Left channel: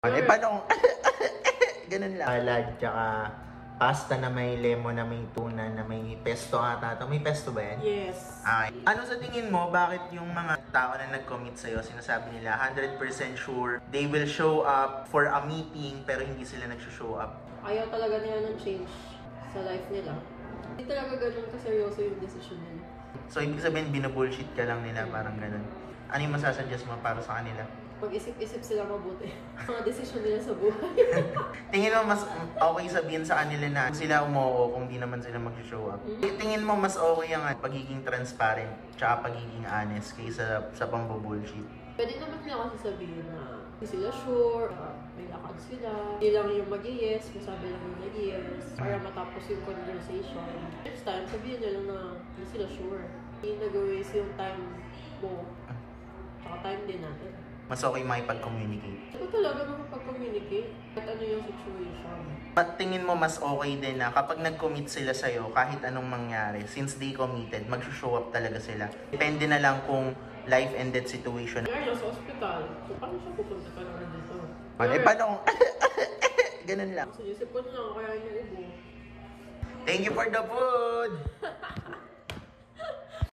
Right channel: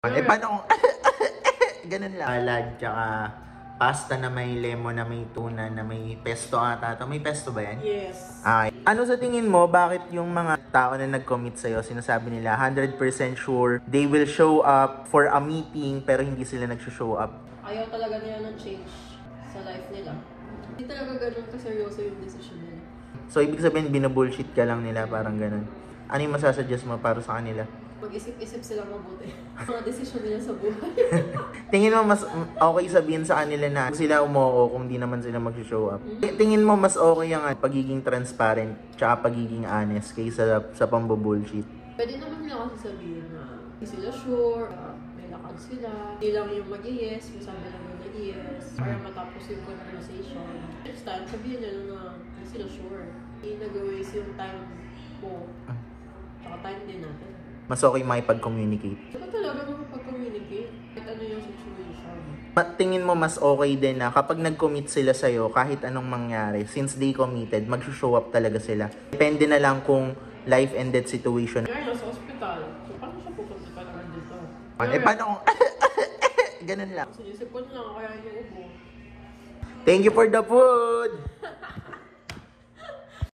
Paano kung ganun lang? Salad, tsaka pasta na may lemon, na may tuna, na may pesto ata. May pesto ba yan? Yes. Ano sa tingin mo, bakit yung mga tao na nag-commit sa'yo, sinasabi nila 100% sure they will show up for a meeting pero hindi sila nag-show up? Ayaw talaga nila ng change sa life nila. Hindi talaga ganun kaseryoso yung decision nila. So, ibig sabihin, binabullshit ka lang nila, parang ganun. Ano yung masasuggest mo para sa kanila? Mag-isip-isip sila mabuti. Mga desisyon nila sa buhay. Tingin mo mas okay sabihin sa kanila na sila umuo kung di naman sila mag-show up? Tingin mo mas okay ang pagiging transparent tsaka pagiging honest kaysa sa pambubullshit? Pwede naman nila kasi sabihin na hindi sila sure, may lakad sila. Hindi lang yung mag-yes, may sabi lang yung mag-yes. Para matapos yung conversation. Next time, sabihin nila na hindi sila sure. Hindi nag-waste yung time mo. Tsaka time din natin. Mas okay makipag-communicate. Ito talaga makapag-communicate. Kahit ano yung situation. Tingin mo mas okay din na kapag nag-commit sila sa'yo, kahit anong mangyari, since they committed, mag-show up talaga sila. Depende na lang kung life and death situation. Kaya nasa hospital. So, paano siya pupunta ka naman dito? Paano kung ganun lang? Sinisip ko na lang kaya niya ubo. Thank you for the food!